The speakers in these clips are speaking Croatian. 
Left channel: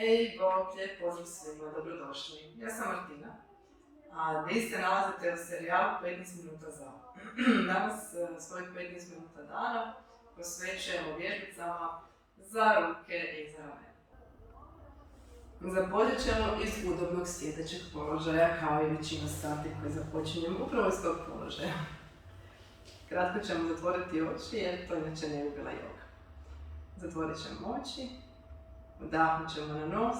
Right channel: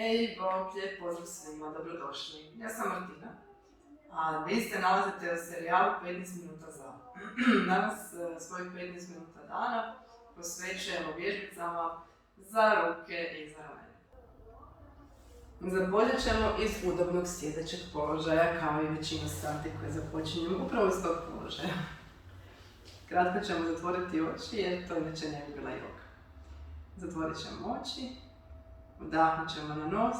Ej, bok, lijep pozdrav svima, dobrodošli. Ja sam Martina, a vi se nalazite u serijalu 15 minuta za. Danas svojih 15 minuta dana posvećujemo vježbicama za ruke i za ramena. Započet ćemo iz udobnog sjedećeg položaja, kao i većina sati koje započinjemo upravo iz tog položaja. Kratko ćemo zatvoriti oči jer to inače ne bi bila joga. Zatvorit ćemo oči, udahnut ćemo na nos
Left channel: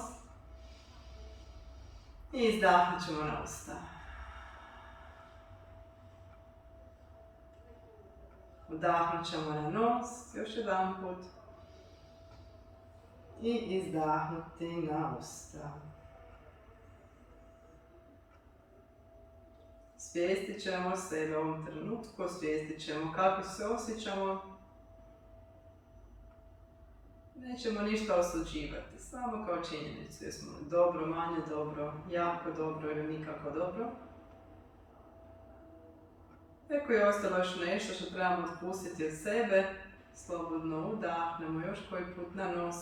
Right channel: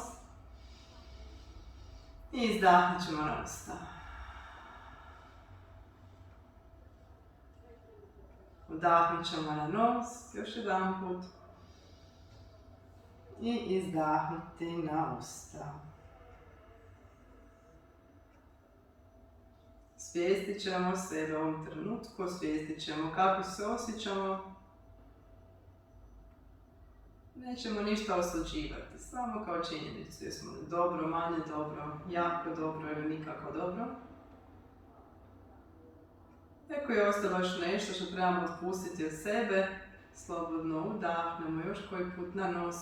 i izdahnut ćemo na usta. Udahnut ćemo na nos, još jedan put. I izdahnuti na usta. Osvijestit ćemo sebe u ovom trenutku, osvijestit ćemo kako se osjećamo. Nećemo ništa osuđivati, samo kao činjenicu. Jesmo li dobro, manje dobro, jako dobro ili nikako dobro. Ako je ostalo još nešto što trebamo otpustiti od sebe, slobodno udahnemo još koji put na nos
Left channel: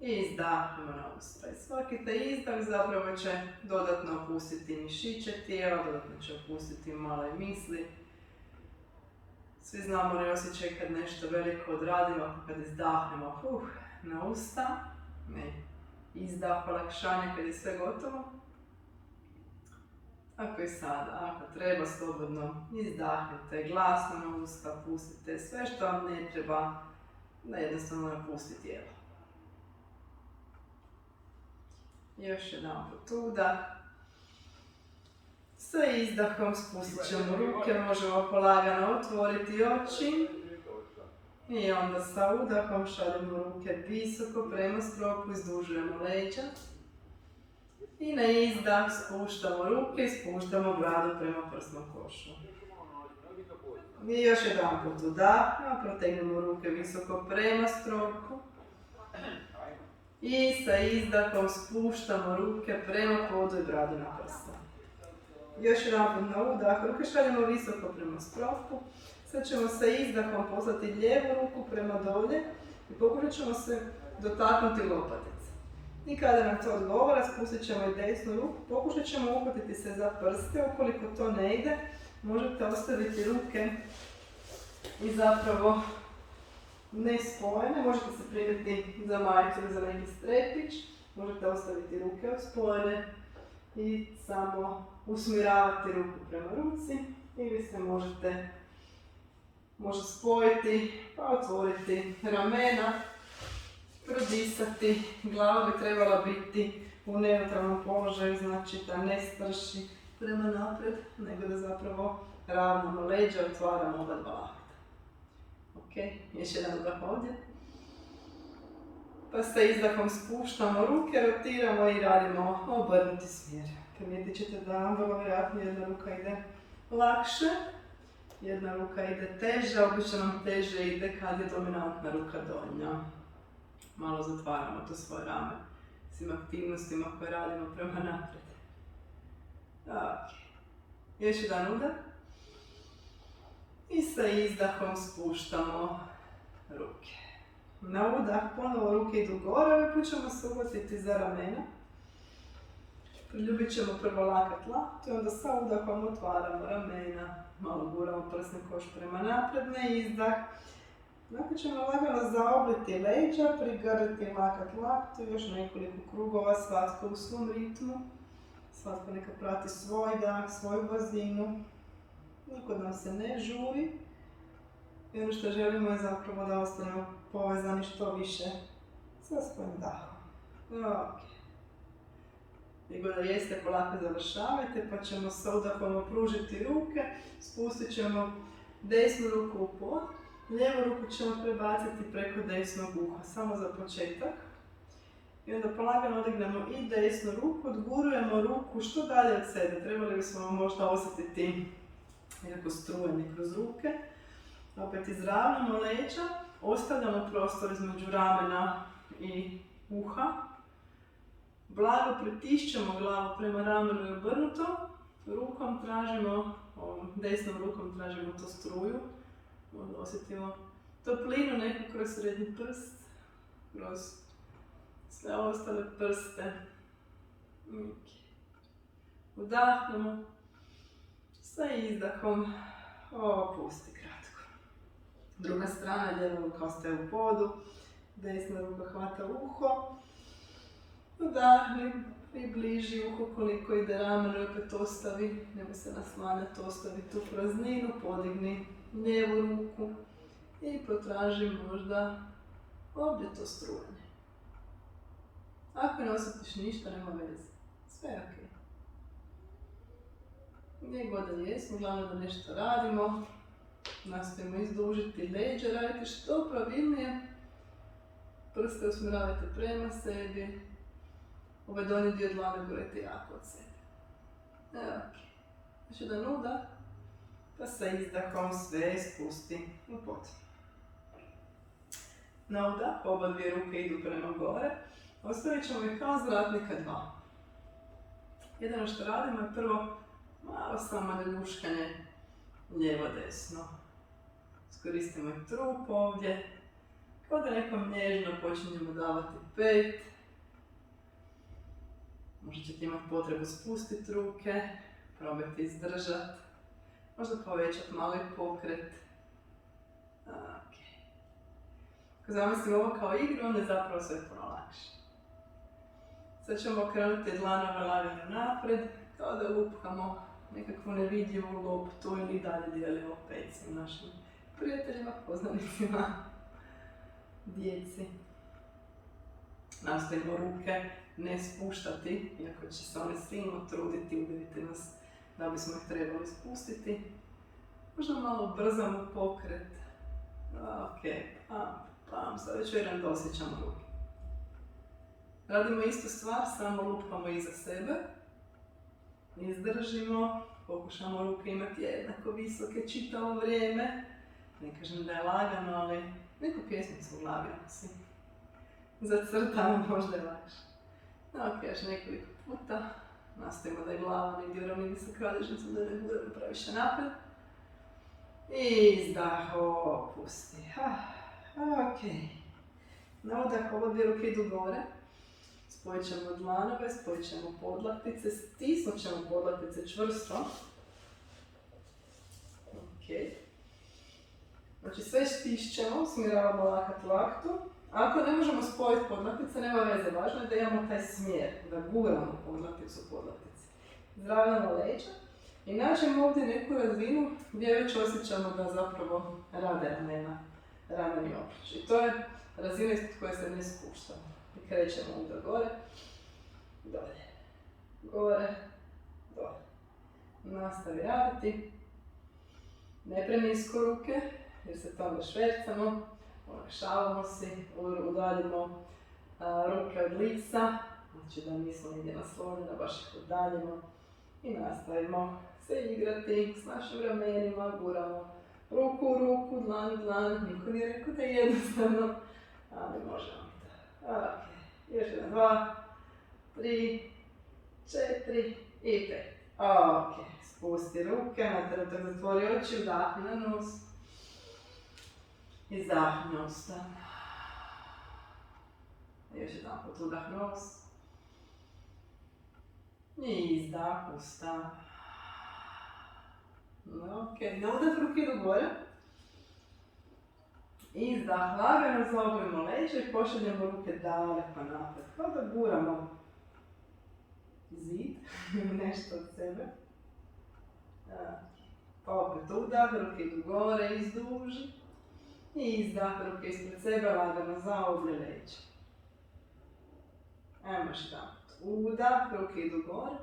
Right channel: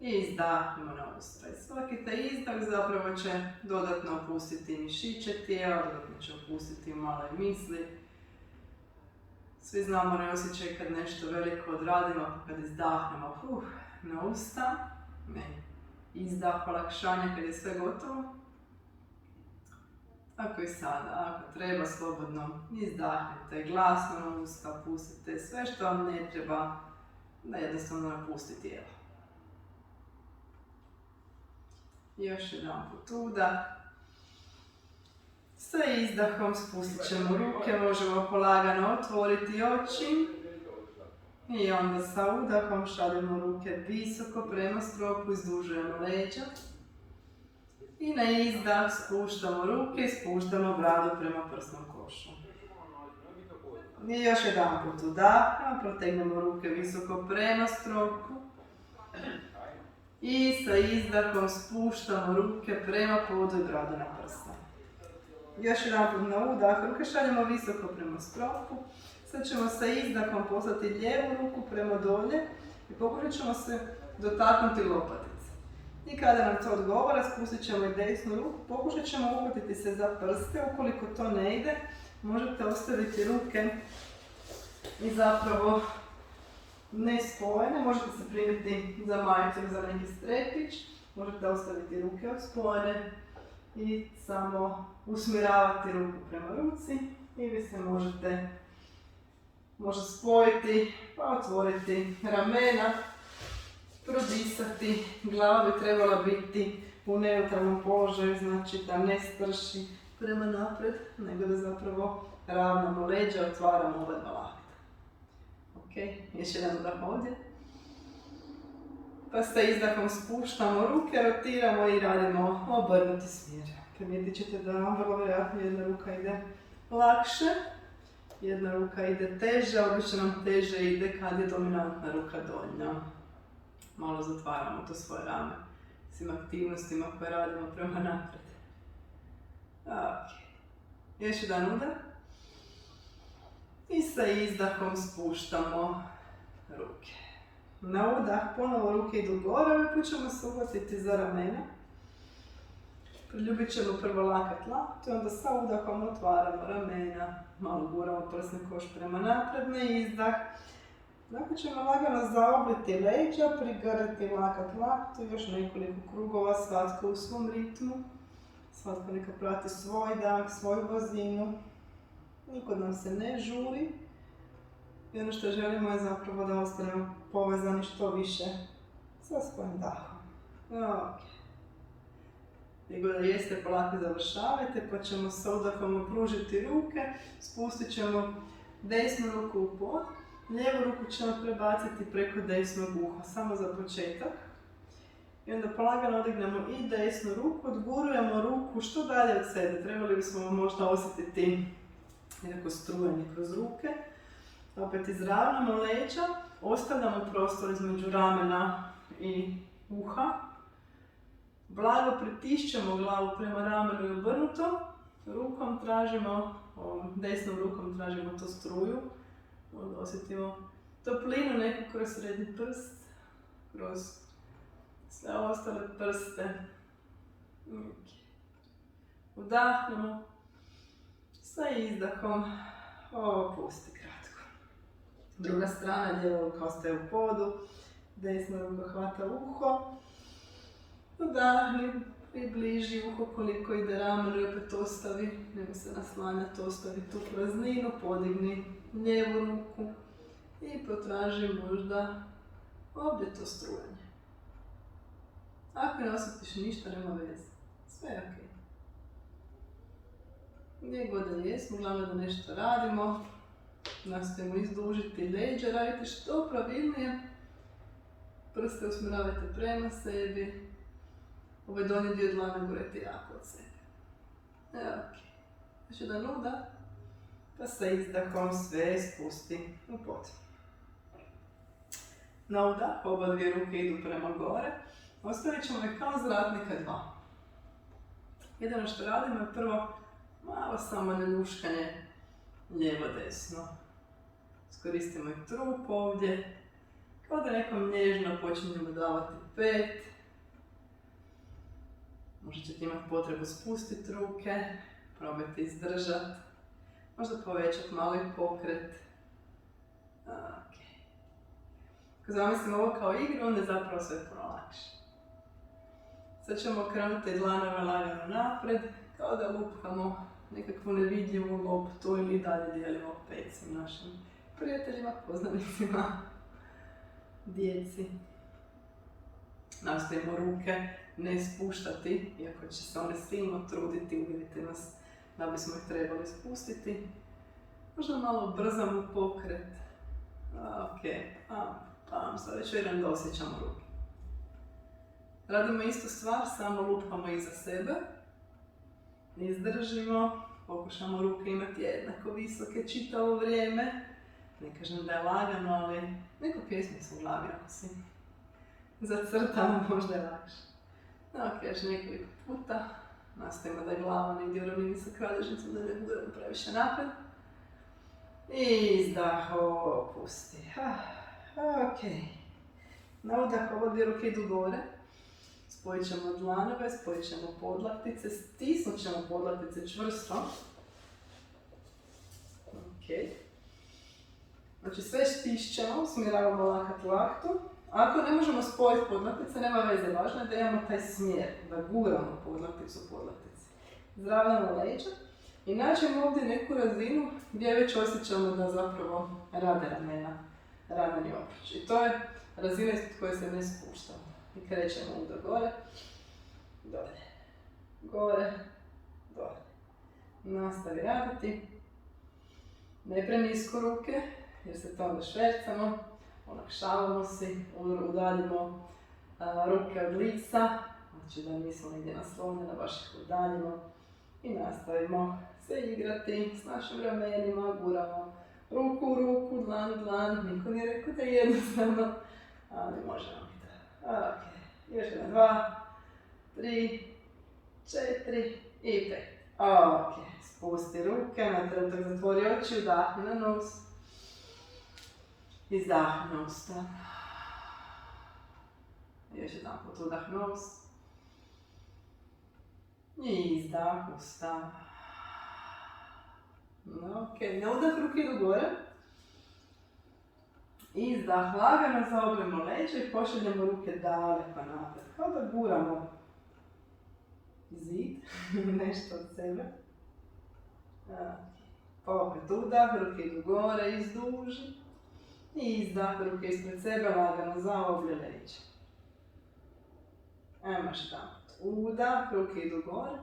i izdahnemo na usta. I svaki taj izdah zapravo će dodatno opustiti mišiće tijela, dodatno će opustiti malo i misli. Svi znamo ne osjećaj kad nešto veliko odradimo, pa kad izdahnemo na usta, izdah olakšanja kad je sve gotovo. Tako i sada, ako treba slobodno izdahnite glasno na usta, pustite sve što vam ne treba, da jednostavno napusti tijelo. Još jedan put udah. Sa izdahom spustit ćemo ruke, možemo polagano otvoriti oči. I onda sa udahom šaljemo ruke visoko prema stropu, izdužujemo leđa. I na izdah spuštamo ruke i spuštamo bradu prema prsnom košu. I još jedan put udahnemo, protegnemo ruke visoko prema stropu. I sa izdahom spuštamo ruke prema podu i bradu na prsa. Još jedan put na udah, ruke šaljemo visoko prema stropu. Sad ćemo sa izdahom poslati lijevu ruku prema dolje i pokušat ćemo se dotaknuti lopatice. I kada nam to odgovara, spustit ćemo i desnu ruku, pokušat ćemo uhvatiti se za prste. Ukoliko to ne ide, možete ostaviti ruke i zapravo ne spojene, možete se primiti za majicu ili za neki strepić, možete ostaviti ruke spojene i samo usmjeravati ruku prema ruci ili se može spojiti pa otvoriti ramena, prodisati. Glava bi trebala biti u neutralnom položaju, znači da ne strši prema naprijed, nego da zapravo ravnamo leđa, otvaramo oba dva lakta. Ok, još jedan udah ovdje. Pa sa izdahom spuštamo ruke, rotiramo i radimo obrnuti smjer. Primijetit ćete da vrlo vjerojatno jedna ruka ide lakše, jedna ruka ide teže, obično nam teže ide kad je dominantna ruka donja. Malo zatvaramo to svoje rame svim aktivnostima koje radimo prema naprijed. Ok, još jedan udah. I sa izdahom spuštamo ruke. Na udah ponovo ruke idu gore, ovaj put ćemo se uhvatiti za ramena. Priljubit ćemo prvo lakat laktu i onda sa udahom otvaramo ramena. Malo guramo prsni koš prema naprijed, na izdah. Nakon ćemo lagano zaobliti leđa, prigrliti lakat laktu, još nekoliko krugova, svatko u svom ritmu. Svatko neka prati svoj dah, svoju brzinu. Nikod nam se ne žuri. I ono što želimo je zapravo da ostanemo povezani što više sa svojim dahom. Ok. Nego da jeste, polako završavajte, pa ćemo sa udahom opružiti ruke, spustit ćemo desnu ruku u pod, lijevu ruku ćemo prebaciti preko desnog uha, samo za početak. I onda polagano odignemo i desnu ruku, odgurujemo ruku što dalje od sebe. Trebali bismo možda osjetiti nekako strujanje kroz ruke. Opet izravnamo leđa, ostavljamo prostor između ramena i uha. Blago pritišćemo glavu prema ramenu i obrnuto. Rukom tražimo, desnom rukom tražimo tu struju. Onda osjetimo toplinu neku kroz srednji prst, kroz sve ostale prste. Udahnemo. Sa izdahom opusti kratko. Druga strana, lijeva ruka ostaje u podu, desna ruka hvata uho. Udahni, približi uho koliko ide ramen i opet ostavi, nemoj se naslanjati, ostavi tu prazninu, podigni lijevu ruku i potraži možda objeto strujanje. Ako ne osjetiš ništa, nema veze, sve je ok. Gdje god da jesmo, glavno da nešto radimo, nastojimo izdužiti leđa, raditi što pravilnije, prste usmjeravajte prema sebi, ovaj donji dio dlane gurajte jako od sebe. Evo, ok. Znači da nuda, pa sa izdahom sve spusti u pod. Na udah, oba dvije ruke idu prema gore, ostavit ćemo ih kao zratnika 2. Jedino što radimo je prvo malo samo ljuškanje lijevo-desno. Iskoristimo i trup ovdje, kao da nekom nježno počinjemo davati pet. Možda ćete imati potrebu spustiti ruke, probajte izdržati, možda povećati malo i pokret. Okay. Ako zamislimo ovo kao igru, onda je zapravo sve puno lakše. Sad ćemo okrenuti dlanove lagano napred, kao da lupkamo nekakvu nevidljivu loptu ili dalje dijelimo pet sa našim prijateljima, poznanicima, djeci. Nastojimo ruke ne spuštati, iako će se one silno truditi, uvjerite nas da bismo ih trebali spustiti. Možda malo brzamo pokret. Ok, pam, sad već vjerujem da osjećamo ruke. Radimo istu stvar, samo lupamo iza sebe. Izdržimo, pokušamo ruke imati jednako visoke čitavo vrijeme. Ne kažem da je lagano, ali neku pjesmicu u glavi nosi. Zacrtamo, možda je lakše. Ok, još nekoliko puta. Nastavimo da je glava negdje u ravnini sa kralježnicom, da ne guramo previše napred. Izdah, opusti. Ok. Na udah ovo dvije ruke idu gore. Spojit ćemo dlanove, spojit ćemo podlaktice, stisnut ćemo podlaktice čvrsto. Ok. Znači sve stišćemo, usmjeravamo lakat laktu. Ako ne možemo spojiti podlaktice, nema veze, važno je da imamo taj smjer, da guramo podlakticu u podlaktici. Zdravljamo leđa i nađemo ovdje neku razinu gdje već osjećamo da zapravo rade rameni obruč. I to je razina ispod koje se ne spuštamo. I krećemo onda gore, dolje, gore, dolje. Nastavi raditi. Ne prenisko ruke, jer se to onda švercamo. Olakšavamo si, udaljimo ruke od lica, znači da nismo negdje naslonjeni, baš ih udaljimo. I nastavimo se igrati s našim ramenima, guramo ruku u ruku, dlan u dlan. Niko nije rekao da je jednostavno, ali možemo i to. Ok, još jedan, 2, 3, 4 i 5. Ok, spusti ruke, na trenutak zatvori oči, udahni na nos. Izdah nos. Još jedan put udah nos. I izdah usta. Ok, na udah ruke idu gore. Izdah lagano, zaoblimo leđa i pošaljemo ruke daleko napred. Kao da guramo zid, nešto od sebe. Pa opet udah, ruke idu gore, izduži. I izdah, ruke ispred sebe, lagano zaoblje leđa. Ajmo još jedan put. Udah, ruke idu gore.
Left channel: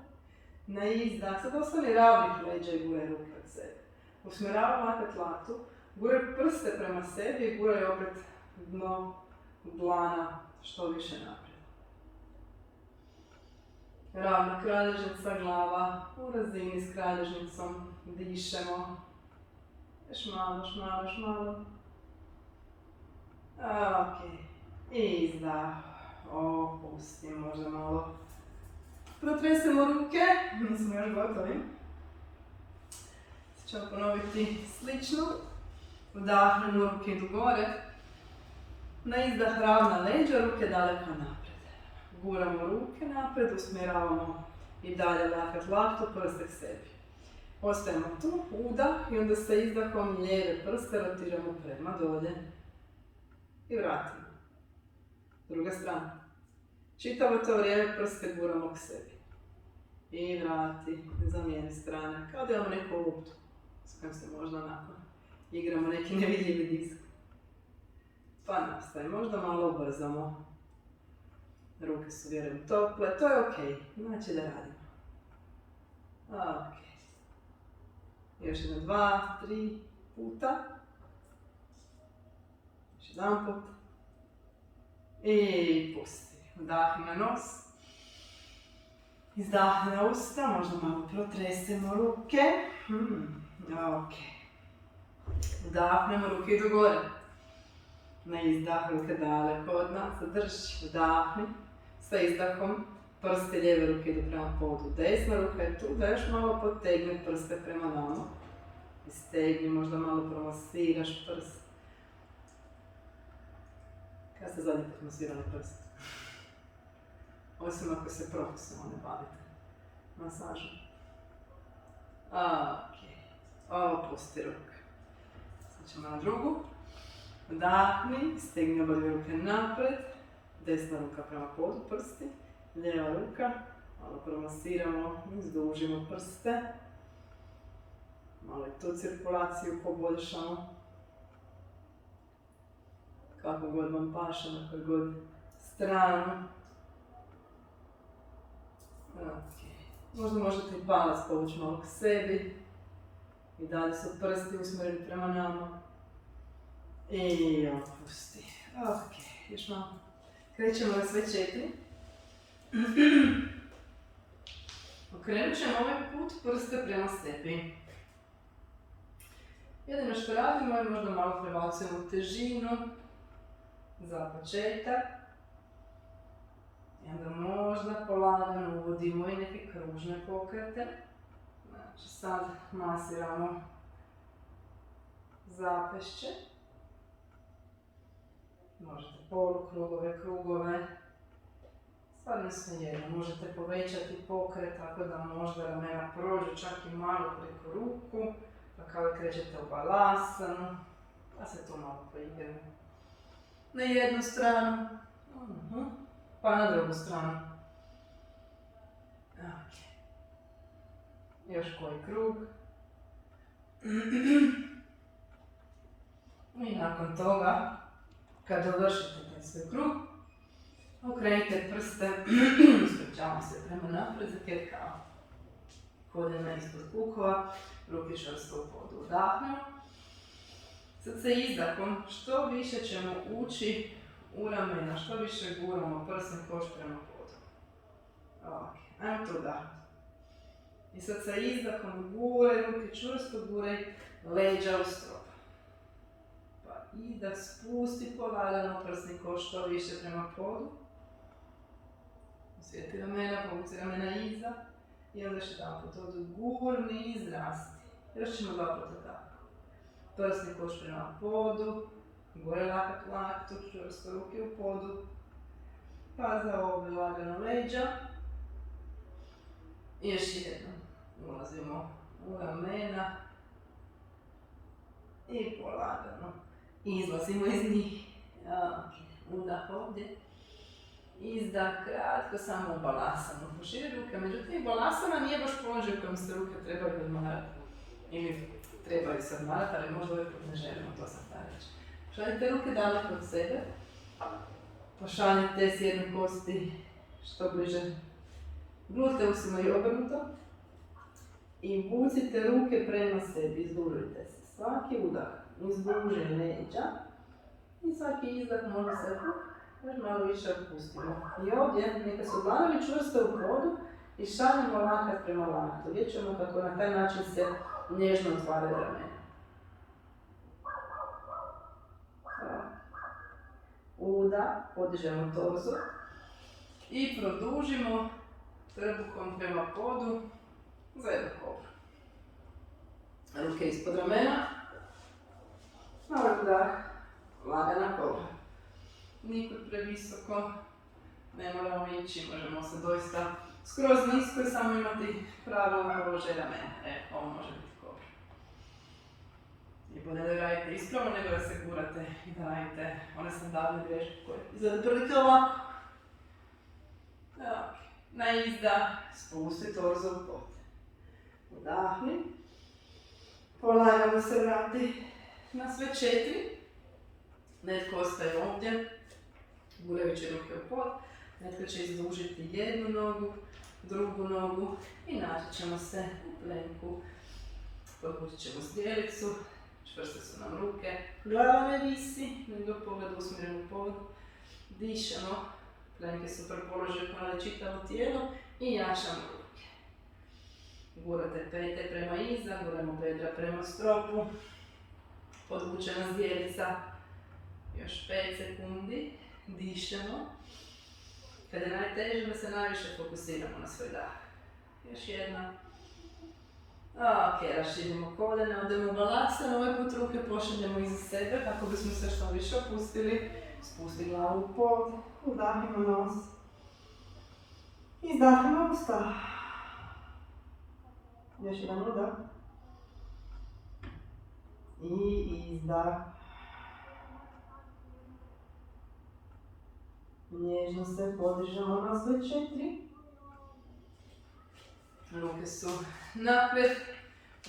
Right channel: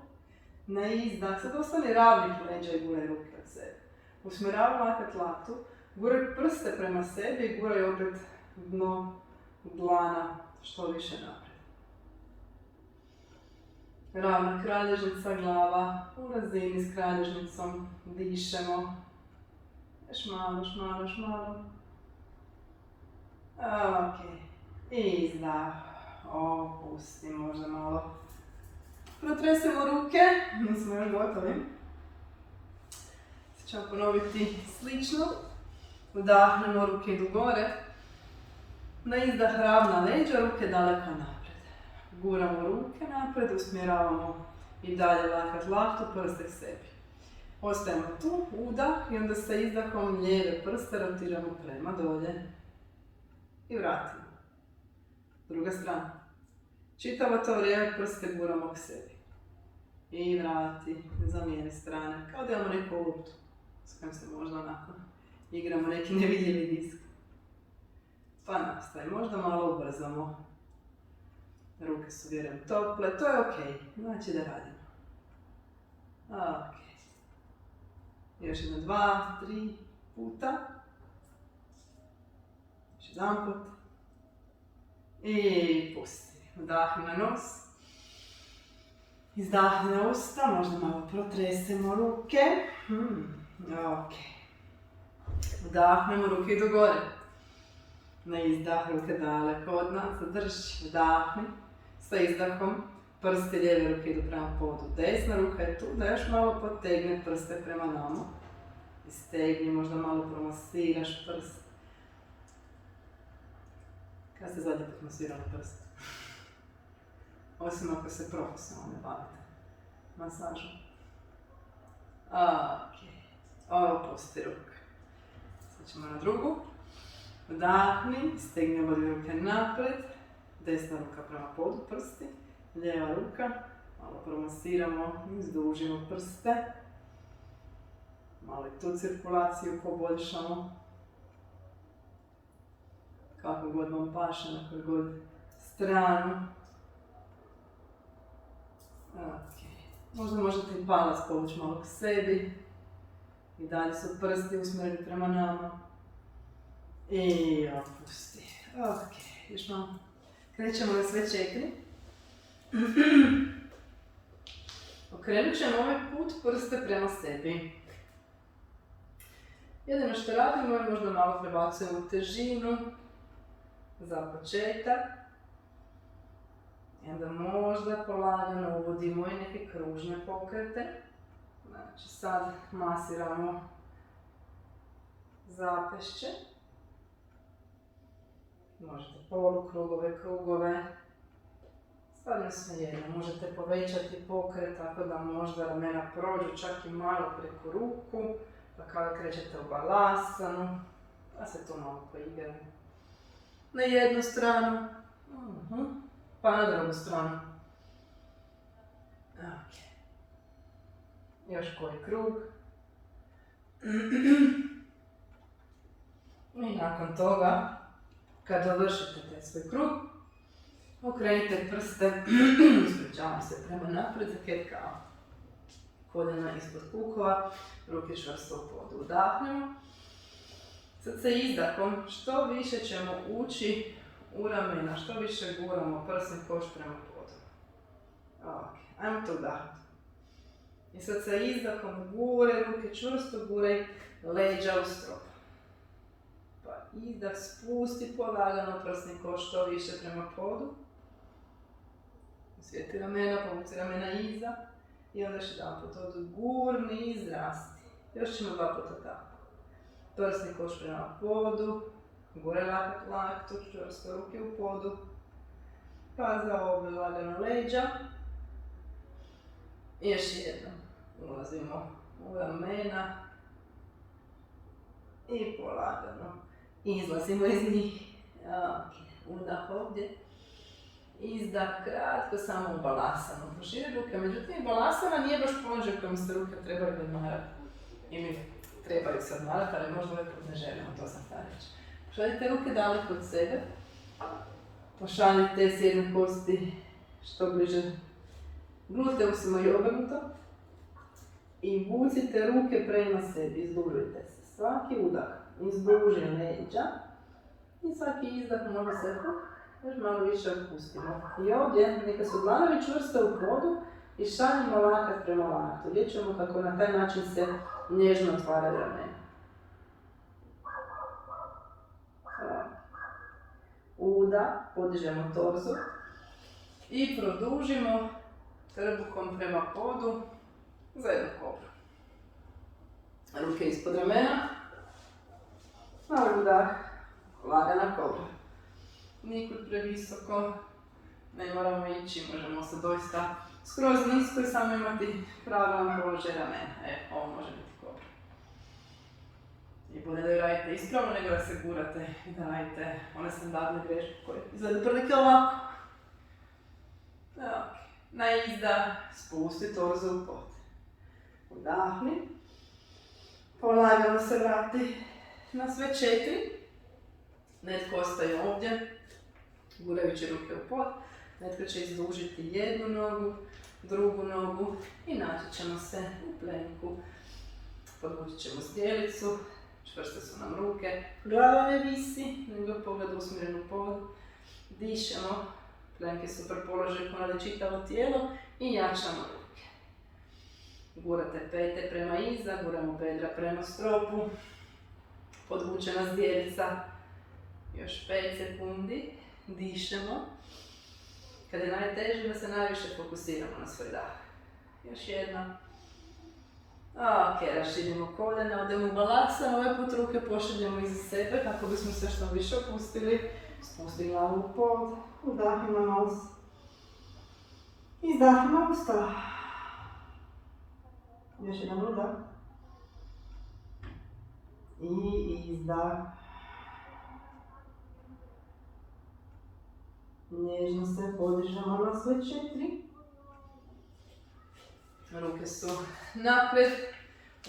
Na izdah, sad ostani ravnih leđa i guraj ruke od sebe. Usmjeravaj lakat laktu, guraj prste prema sebi i guraj opet dno dlana što više naprijed. Ravna kralježnica, glava u razini s kralježnicom, dišemo. Još malo, još malo, još malo. Ok, izdah, opusti, možda malo. Protresemo ruke, nismo još gotovi. Sad ćemo ponoviti slično. Udahnemo, ruke idu gore. Na izdah ravna leđa, ruke daleko naprijed. Guramo ruke napred, usmjeravamo i dalje lakat laktu, prste k sebi. Ostajemo tu, udah i onda sa izdahom lijeve prste rotiramo prema dolje. I vratimo. Druga strana. Čitavo to vrijeme prste guramo k sebi. I vrati, zamijeni strane, kao da imamo neku loptu s kojom se možda onako igramo neki nevidljivi disk. Pa nastaje, možda malo ubrzamo. Ruke su vjerujem tople, to je ok, znači da radimo. Ok. Još jedno 2, 3 puta. Još jedan put. I pusti. Vdahni na nos. Izdahni na usta, možda malo protresemo ruke. Ok. Vdahnemo, ruke idu gore. Na izdah, ruke daleko od nas, zadrži, vdahni. Sa izdahom, prste lijeve ruke idu prema podu. Desna ruka je tu, da još malo potegne prste prema nama. I stegni, možda malo promasiraš prst. Kada ste zadnji put masirali prst? Osim ako se profesionalno ne bavite masažom. Ok. Opusti ruke. Sad ćemo na drugu. Vdahni, stegni obadve ruke napred. Desna ruka prema podu, prsti. Lijeva ruka. Malo promasiramo, izdužimo prste. Malo i tu cirkulaciju poboljšamo. Kako god vam paše, na koju god stranu. Okay. Možda možete i palac povući malo k sebi. I dalje su prsti usmjereni prema nama. I opusti. Ok, još malo. Krećemo na sve 4. Okrenut ćemo ovaj put prste prema sebi. Jedino što radimo je možda malo prebacujemo težinu za početak. I onda možda polagano uvodimo i neke kružne pokrete. Znači sad masiramo zapešće. Možete polukrugove, krugove. Sad ne svejedno, možete povećati pokret tako da možda ramena prođu čak i malo preko ruku. Pa kada krećete u balasanu, pa se to malo poigramo. Na jednu stranu, pa na drugu stranu. Ok. Još koji krug. I nakon toga, kad dovršite taj svoj krug, okrenite prste, ispričavam se, prema naprijed za cat cow. Koljena ispod kukova, ruke čvrsto u podu. Vdahnemo. Sad sa izdahom što više ćemo ući u ramena, što više guramo prsni koš prema podu. Ok, ajmo to vdahnuti. I sad sa izdahom guraj ruke čvrsto, guraj leđa u strop. Pa izdah spusti polagano prsni koš što više prema podu. Osvijeti ramena, povuci ramena iza. I onda još jedan put ovdje gurni i izrasti. Još ćemo 2 puta tako. Prsni koš prema podu. Gore lakat laktu, čvrsto ruke u podu. Pa za ovdje lagano leđa. I još jednom. Ulazimo u ramena. I polagano izlazimo iz njih. Ok, udah ovdje. Izdah kratko, samo u balasanu. Proširi ruke, međutim balasana nije baš položaj u kojem se ruke trebaju odmarati. Ili trebaju se odmarati, ali možda ovaj put ne želimo, to sam htjela reći. Pošaljite ruke daleko od sebe. Pošaljite sjedne kosti što bliže gluteusima i obrnuto. I vucite ruke prema sebi, izdužite se. Svaki udah izduži leđa. I svaki izdah može se još malo više otpustimo. I ovdje neka su dlanovi čvrsto u podu i šaljimo lakat prema laktu. Vidjet ćemo kako na taj način se nježno otvaraju ramena. Udah, podižemo torzu i produžimo trbuhom prema podu za jednu kobru. Ruke ispod ramena, malo udah, lagana kobra. Nikud previsoko, Ne moramo ići, možemo se doista skroz nisko i samo imati pravilan položaj ramena. Ovo može biti dobro. I bolje da radite ispravno nego da se gurate i da radite one standardne greške koje izgleda prilike ovako. Na izdah spusti torzo u pod. Udahni. Polagano se vrati na sve 4. Netko ostaje ovdje, gurajući ruke u pod. Netko će izdužiti jednu nogu, drugu nogu i naći ćemo se u plenku. Podvući ćemo zdjelicu, čvrste su nam ruke, glava ne visi, nego pogled usmjeren u pod. Dišemo, plenke su položaj ponavlja čitavo tijelo i jačamo ruke. Gurate pete prema iza, guramo bedra prema stropu. Podvučena zdjelica, još 5 sekundi, dišemo. Kada je najteže da se najviše fokusiramo na svoj dah. Još jedna. Ok, raširimo koljena, odemo u balasana, ovaj put ruke pošaljemo iza sebe kako bismo se što više opustili. Spusti glavu u pod, udahimo nos. Izdahimo usta. Još jedan udah. I izdah. Nježno se podižemo na sve 4. Ruke su naprijed.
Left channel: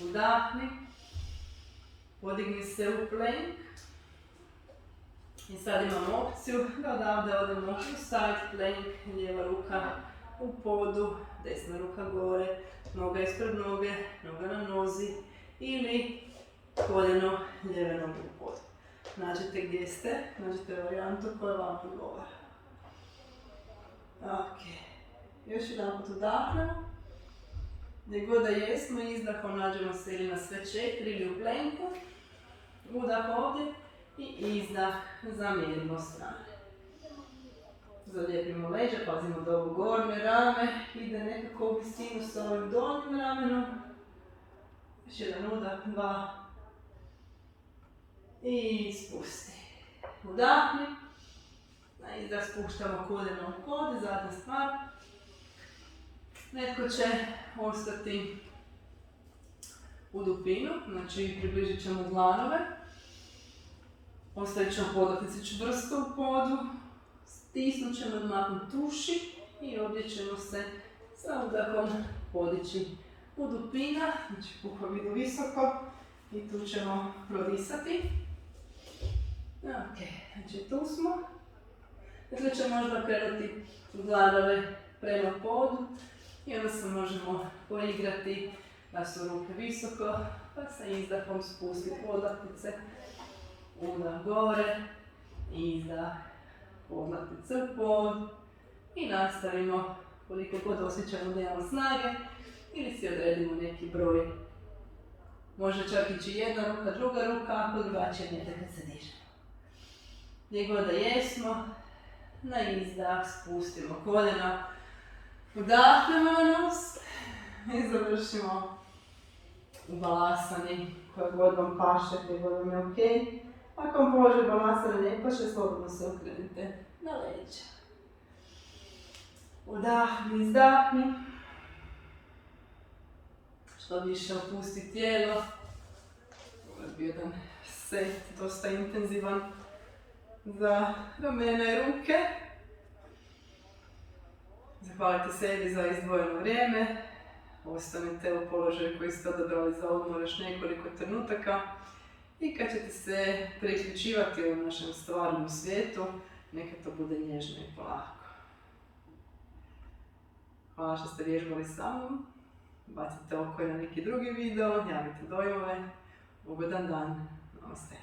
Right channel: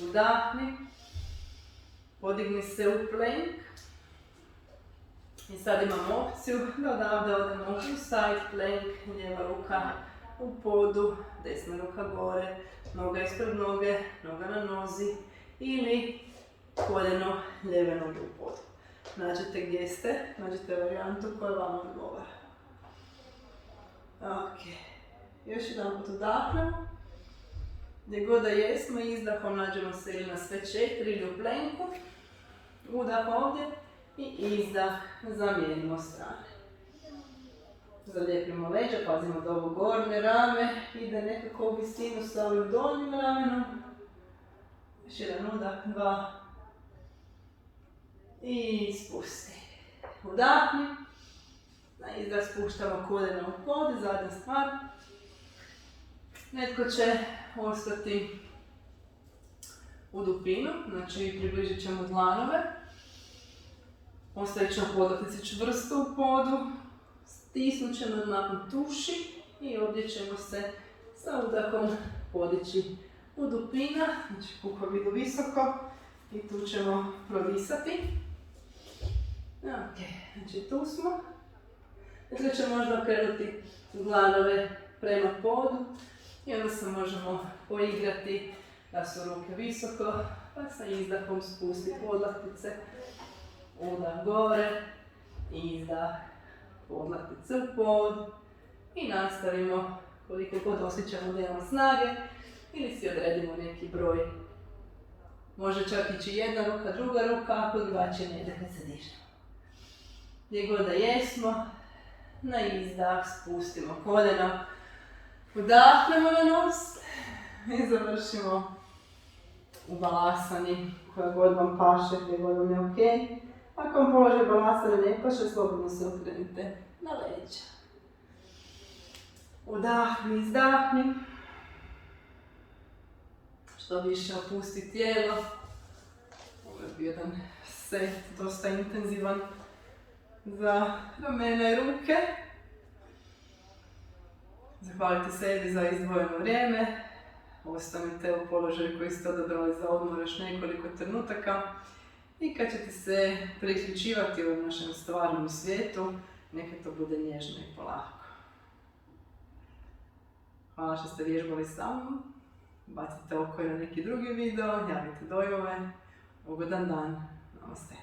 Udahni. Podigni se u plank. I sad imamo opciju da odavde odemo u side plank. Lijeva ruka u podu, desna ruka gore, noga ispred noge, noga na nozi ili koljeno lijeve noge u podu. Nađete gdje ste, nađete varijantu koja vam odgovara. Ok, još jedan put udahnemo. Gdje god da jesmo, izdahom nađemo se ili na sve 4 ili u plenku. Udah ovdje i izdah, zamijenimo strane. Zalijepimo leđa, pazimo da ovo gornje rame ide nekako u visinu sa ovim donjim ramenom. Još jedan udah, 2. I spusti. Udahni. Na izdah spuštamo koljena u pod, zadnja stvar. Netko će ostati u dupinu, znači približit ćemo dlanove. Ostavit ćemo podlaktice čvrsto u podu. Stisnut ćemo nakon tuši i ovdje ćemo se sa udahom podići u dupina. Znači pukovi idu visoko i tu ćemo prodisati. Ok, znači tu smo. Dakle će možda okrenuti glavove prema podu i onda se možemo poigrati da su ruke visoko, pa sa izdahom spusti podlaktice, udah gore, izdah, podlaktice u pod i nastavimo koliko god osjećamo da imamo snage ili si odredimo neki broj. Može čak ići jedna ruka, druga ruka, ako drugačije ne ide kad se dižemo. Gdje god da jesmo, na izdah spustimo koljena, udahnemo na nos i završimo u balasani koja god vam paše, gdje god vam je ok. Ako vam položaj balasana ne paše, slobodno se okrenite na leđa. Udahni, izdahni. Što više opusti tijelo. Ovo je bio jedan set, dosta intenzivan za ramena i ruke. Zahvalite sebi za izdvojeno vrijeme. Ostanite u položaju koji ste odabrali za odmor još nekoliko trenutaka. I kad ćete se priključivati u našem stvarnom svijetu, neka to bude nježno i polako. Hvala što ste vježbali sa mnom. Bacite oko na neki drugi video, javite dojmove. Ugodan dan. Namaste.